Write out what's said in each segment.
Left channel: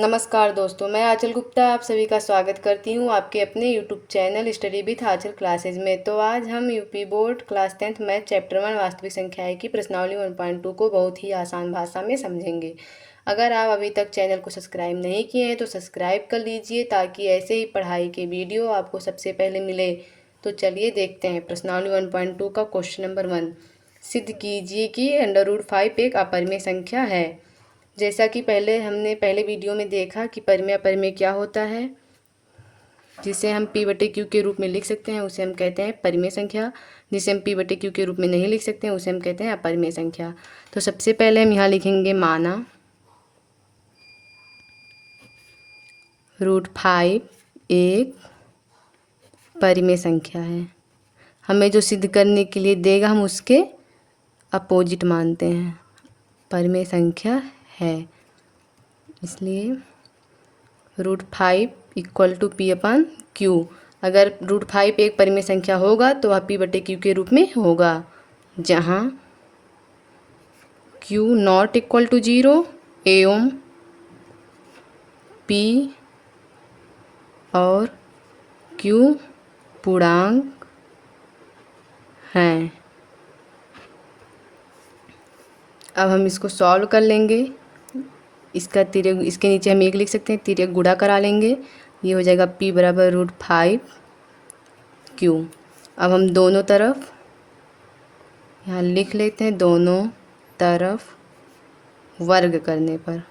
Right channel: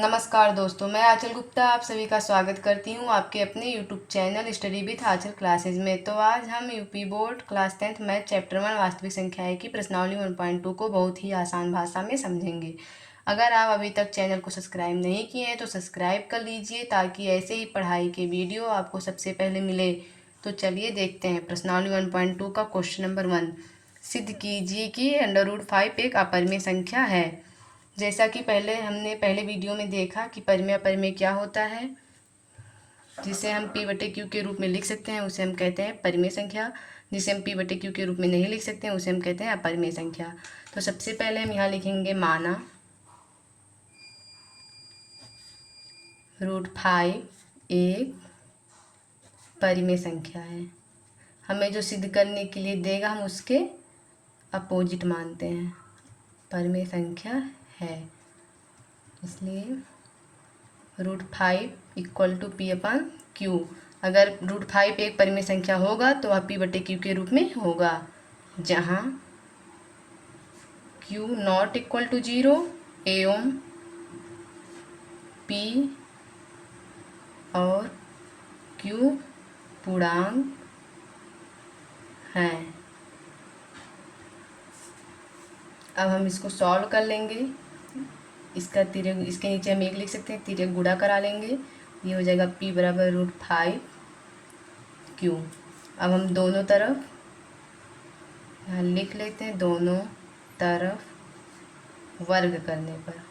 नमस्कार दोस्तों, मैं आंचल गुप्ता आप सभी का स्वागत करती हूँ आपके अपने YouTube channel study with Aanchal classes में। तो आज हम UP board class 10th math chapter 1 वास्तविक संख्याएं की प्रश्नावली 1.2 को बहुत ही आसान भाषा में समझेंगे। अगर आप अभी तक चैनल को सब्सक्राइब नहीं किए हैं तो सब्सक्राइब कर लीजिए ताकि ऐसे ही पढ़ाई के वीडियो आपको सबसे पहले मिले। तो चलिए देखते हैं प्रश्नावली 1.2 का क्वेश्चन नंबर 1। सिद्ध कीजिए कि √5 एक अपरिमेय संख्या है। जैसा कि हमने पहले वीडियो में देखा कि परिमेय अपरिमेय क्या होता है, जिसे हम p/q के रूप में लिख सकते हैं उसे हम कहते हैं परिमेय संख्या। जिसे हम p/q के रूप में नहीं लिख सकते हैं उसे हम कहते हैं अपरिमेय संख्या। तो सबसे पहले हम यहाँ लिखेंगे माना √5 एक परिमेय संख्या है। हमें जो सिद्ध करने के लिए देगा हम उसके अपोजिट मानते हैं, परिमेय संख्या है, इसलिए √5 = p/q। अगर √5 एक परिमेय संख्या होगा तो वह p/q के रूप में होगा, जहाँ q ≠ 0 एवं p और q पूर्णांक हैं। अब हम इसको सॉल्व कर लेंगे। इसका तिर्यक, इसके नीचे हम एक लिख सकते हैं, तिर्यक गुणा करा लेंगे, ये हो जाएगा p = √5q। अब हम दोनों तरफ यहाँ लिख लेते हैं, दोनों तरफ वर्ग करने पर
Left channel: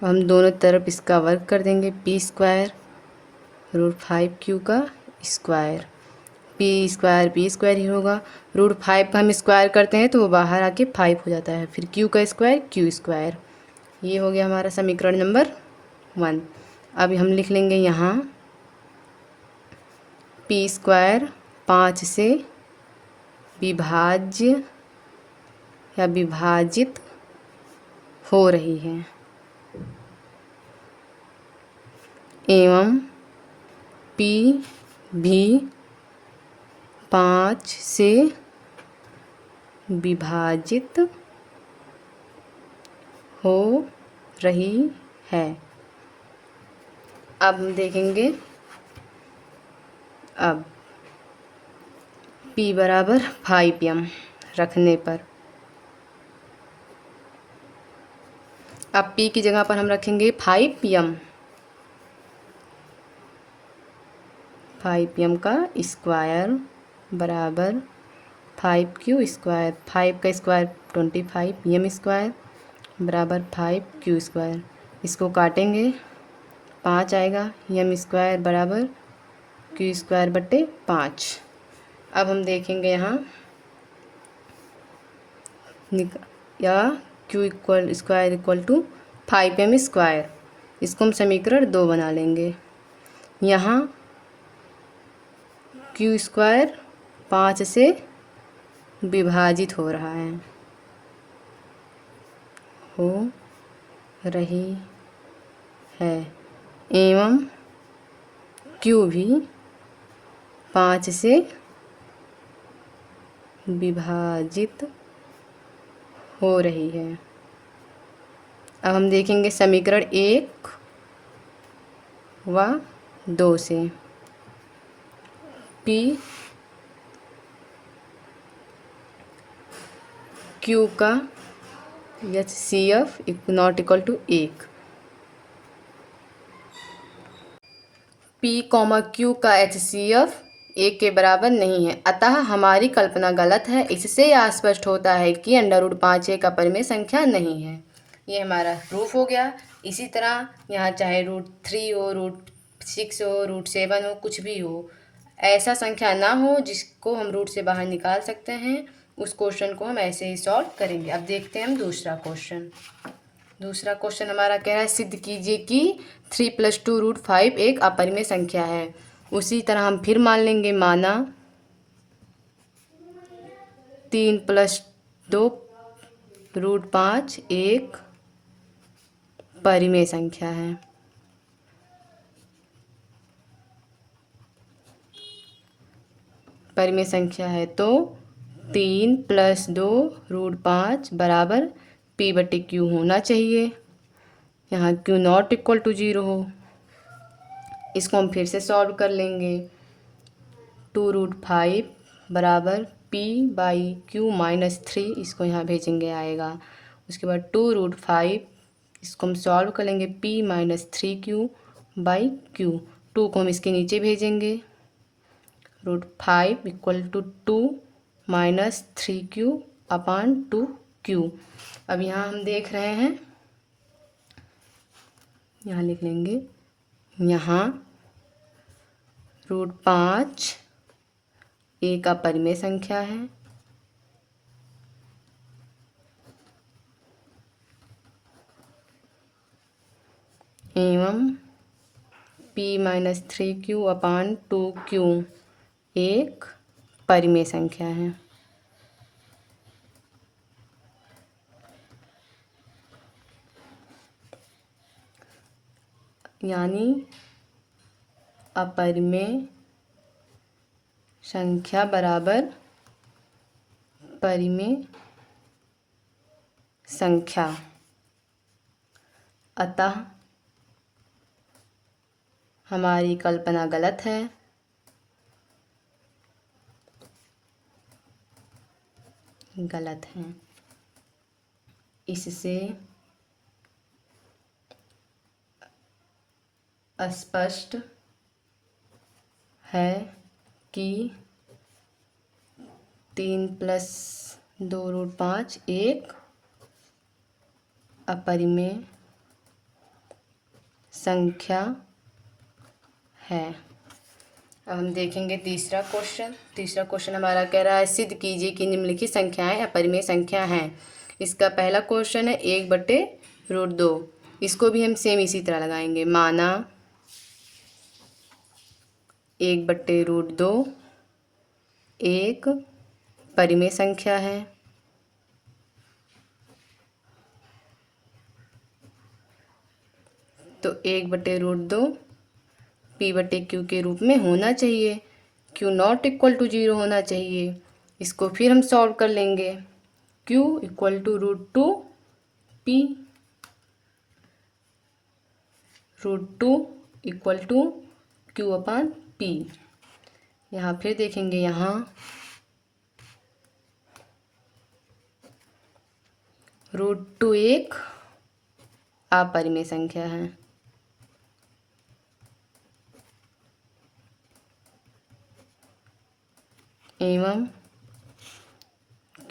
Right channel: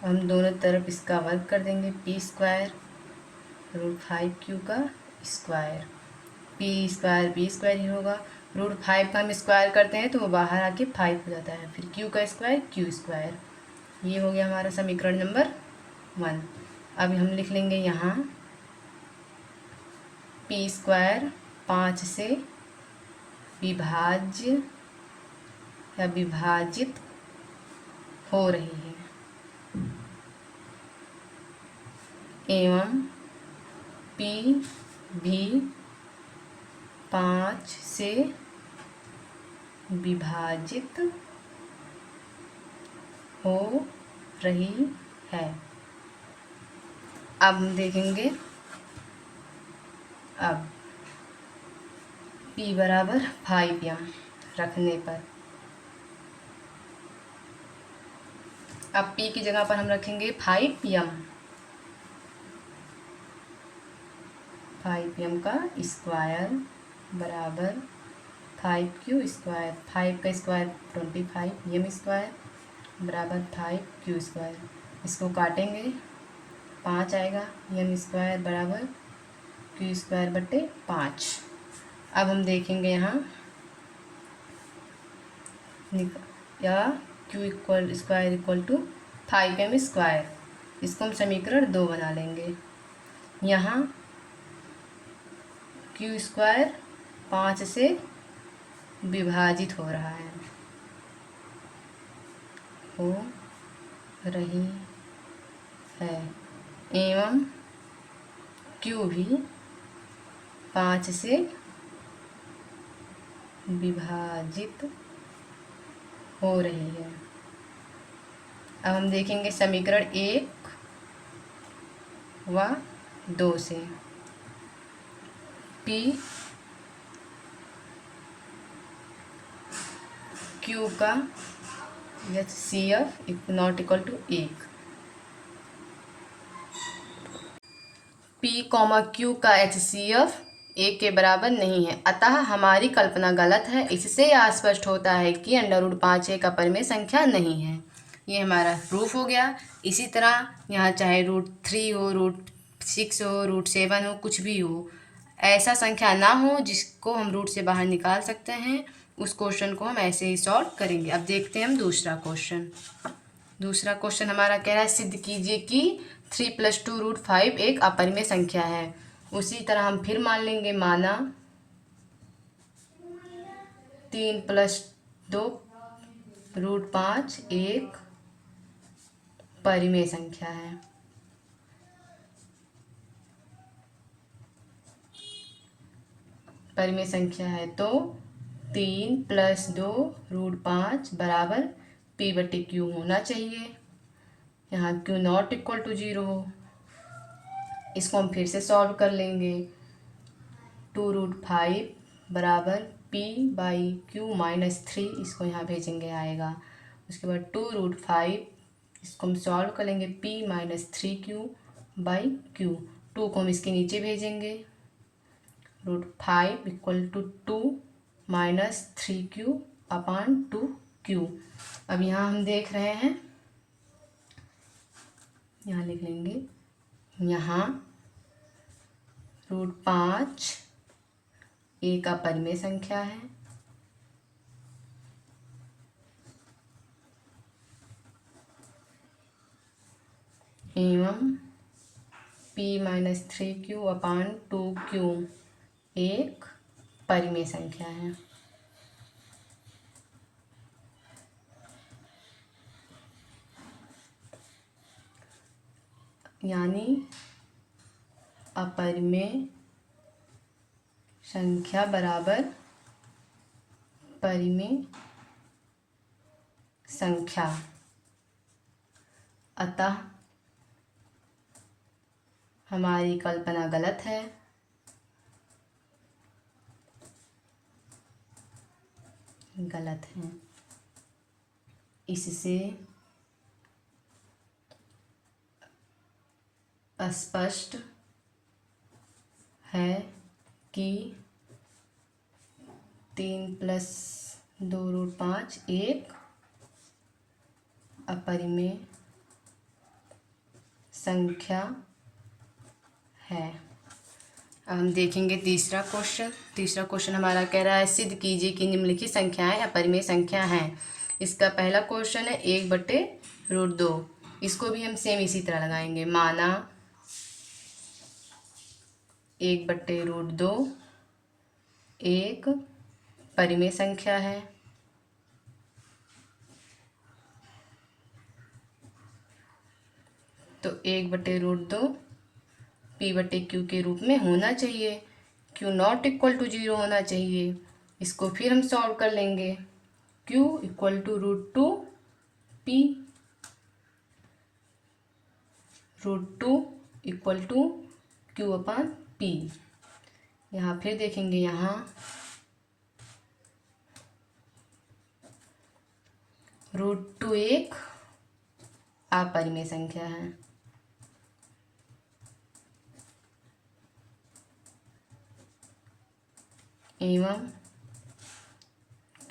हम दोनों तरफ इसका वर्ग कर देंगे, p² √5q का स्क्वायर, p² ही होगा। √5 का हम स्क्वायर करते हैं तो वो बाहर आके 5 हो जाता है, फिर q का स्क्वायर q²। ये हो गया हमारा समीकरण नंबर 1। अब हम लिख लेंगे यहाँ p² 5 से विभाज्य या विभाजित हो रही है एवं p भी 5 से विभाजित हो रही है। अब हम देखेंगे, अब p = 5m रखने पर, अब p की जगह पर हम रखेंगे 5m का स्क्वायर बराबर 5q², 5 का स्क्वायर 25, m² बराबर 5q²। इसको काटेंगे, 5 आएगा, m² बराबर q²/5। अब हम देखेंगे यहाँ या q² = 5m², इसको हम समीकरण 2 बना लेंगे। यहाँ q² 5 से विभाजित हो रहा है, हो रही है एवं q भी 5 से विभाजित हो रही है। अब हम देखेंगे समीकरण 1 व 2 से p q का HCF ≠ 1, p, q का HCF 1 के बराबर नहीं है, अतः हमारी कल्पना गलत है। इससे यह स्पष्ट होता है कि √5 एक अपरिमेय संख्या नहीं है। ये हमारा प्रूफ हो गया। इसी तरह यहाँ चाहे √3 हो, √6 हो, √7 हो, कुछ भी हो, ऐसा संख्या ना हो जिसको हम रूट से बाहर निकाल सकते हैं, उस क्वेश्चन को हम ऐसे ही सॉल्व करेंगे। अब देखते हैं हम दूसरा क्वेश्चन। दूसरा क्वेश्चन हमारा कह रहा है सिद्ध कीजिए कि 3 + 2 √5 एक अपरिमेय संख्या है। उसी तरह हम फिर मान लेंगे, माना 3 + 2 √5 एक परिमेय संख्या है। परिमेय संख्या है तो 3 + 2 √5 बराबर पी बटे क्यू होना चाहिए, यहाँ क्यू नॉट इक्वल टू 0 हो। इसको हम फिर से सॉल्व कर लेंगे। 2√5 बराबर पी बाई क्यू माइनस 3, इसको यहाँ भेजेंगे आएगा। उसके बाद 2√5 इसको हम सॉल्व कर लेंगे, P minus 3 Q by Q. 2 को हम इसके नीचे भेजेंगे, √5 equal to 2 minus 3 Q upon 2 Q. अब यहाँ हम देख रहे हैं, यहाँ लिख लेंगे, यहाँ √5 ए का परिमेय संख्या है, एवं p minus 3 Q upon 2 Q एक परिमेय संख्या है। यानी अपरिमेय संख्या बराबर परिमेय संख्या। अतः हमारी कल्पना गलत है। गलत है। इससे स्पष्ट है कि 3 + 2√5 एक अपरिमेय संख्या है। अब हम देखेंगे तीसरा क्वेश्चन। तीसरा क्वेश्चन हमारा कह रहा है, सिद्ध कीजिए कि निम्नलिखित संख्याएं अपरिमेय संख्या हैं। इसका पहला क्वेश्चन है 1/√2। इसको भी हम सेम इसी तरह लगाएंगे। माना 1/√2 एक परिमेय संख्या है, तो 1/√2 पी बटे क्यू के रूप में होना चाहिए। क्यू नॉट इक्वल टू 0 होना चाहिए। इसको फिर हम सॉल्व कर लेंगे। क्यू इक्वल टू √2 पी, √2 equal to Q upon P. यहाँ फिर देखेंगे, यहाँ √2 एक अपरिमेय संख्या है, एवं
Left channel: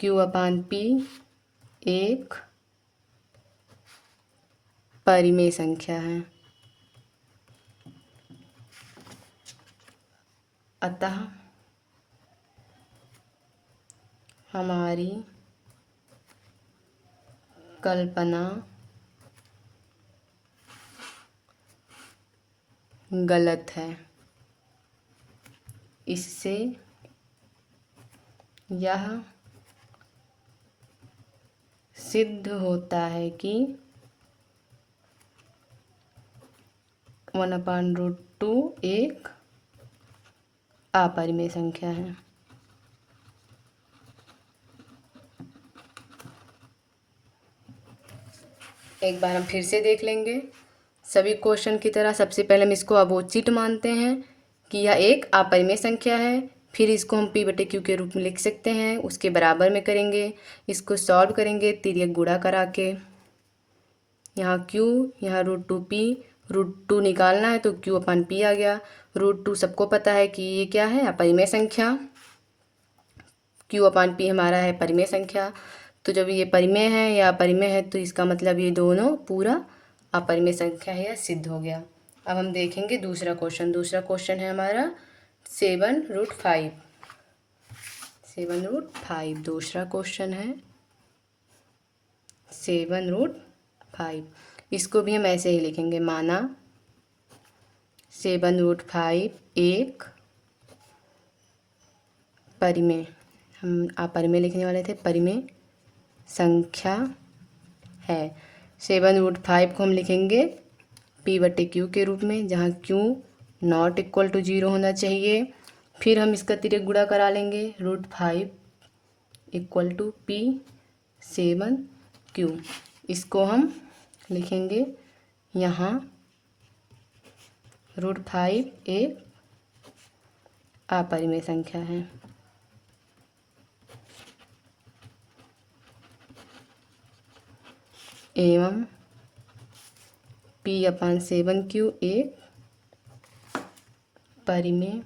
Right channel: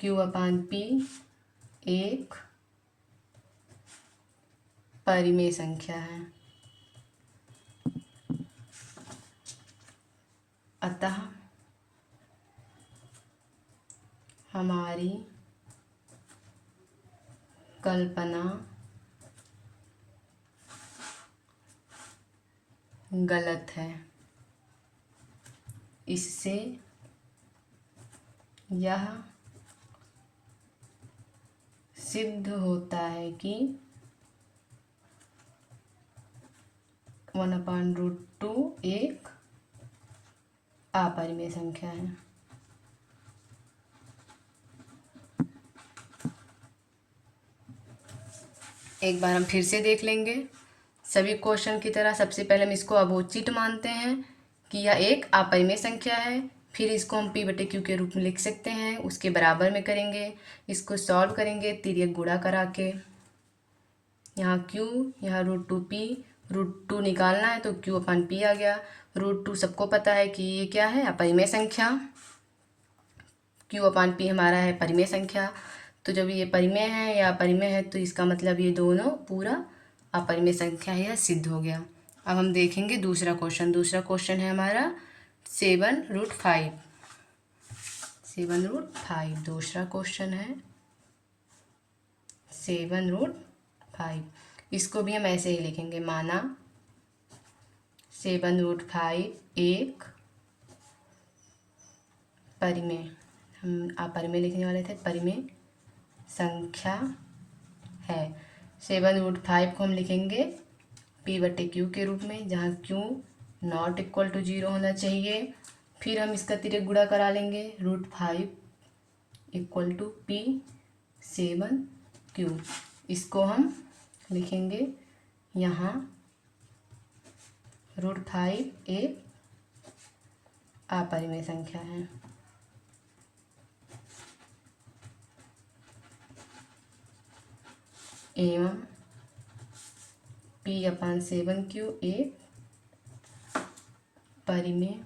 क्यू अपान पी एक परिमेय संख्या है। अतः हमारी कल्पना गलत है। इससे यह सिद्ध होता है कि 1/√2 एक अपरिमेय संख्या है। एक बार हम फिर से देख लेंगे। सभी क्वेश्चन की तरह सबसे पहले हम इसको अवोचित मानते हैं कि यह एक अपरिमेय संख्या है। फिर इसको हम p बटे क्यू के रूप में लिख सकते हैं, उसके बराबर में करेंगे। इसको सॉल्व करेंगे तिर्यक गुणा करा के। यहाँ q, यहाँ √2 p, √2 निकालना है तो q अपान p आ गया। √2 सबको पता है कि ये क्या है, अपरिमेय संख्या। q अपान p हमारा है परिमेय संख्या। तो जब ये परिमेय है या अपरिमेय है तो इसका मतलब ये दोनों पूरा अपरिमेय संख्या है, यह सिद्ध हो गया। अब हम देखेंगे दूसरा क्वेश्चन। दूसरा क्वेश्चन है हमारा 7√5। 7√5 दूसरा क्वेश्चन है 7√5। इसको भी हम ऐसे ही लिखेंगे। माना 7√5 एक परिमेय, हम अपरिमेय लिखने वाले थे, परिमेय संख्या है। 7√5 को हम लिखेंगे p बटे क्यू के रूप में, जहाँ q नॉट इक्वल टू 0 होना चाहिए। फिर हम इसका तिर्यक गुणा करा लेंगे। √5 इक्वल टू p 7 क्यू। इसको हम लिखेंगे यहाँ √5 एक अपरिमेय संख्या है। एवं P/7Q एक परिमेय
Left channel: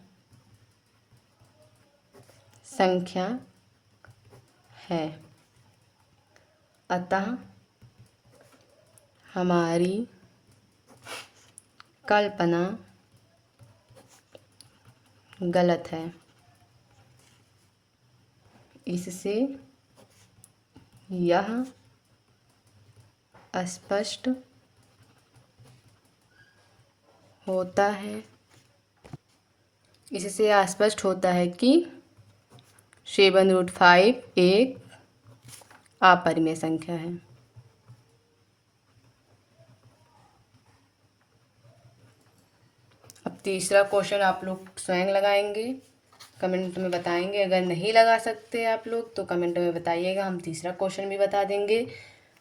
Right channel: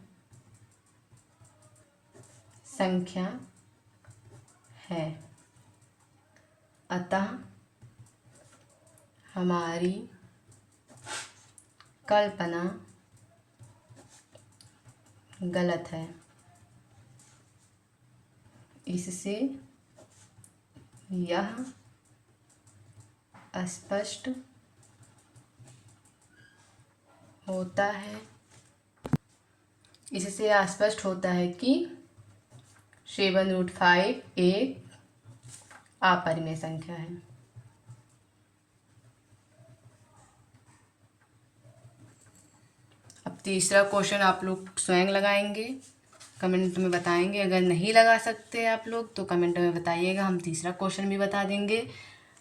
संख्या है। अतः हमारी कल्पना गलत है। इससे यह स्पष्ट होता है कि 7√5 एक अपरिमेय संख्या है। अब तीसरा क्वेश्चन आप लोग स्वयं लगाएंगे, कमेंट में बताएंगे। अगर नहीं लगा सकते आप लोग तो कमेंट में बताइएगा, हम तीसरा क्वेश्चन भी बता देंगे।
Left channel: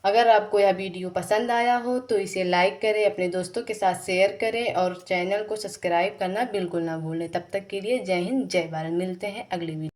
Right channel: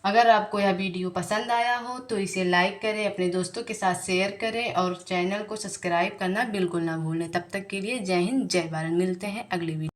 अगर आपको यह वीडियो पसंद आया हो तो इसे लाइक करें, अपने दोस्तों के साथ शेयर करें और चैनल को सब्सक्राइब करना बिल्कुल ना भूलें। तब तक के लिए जय हिंद, जय भारत। मिलते हैं अगली वीडियो।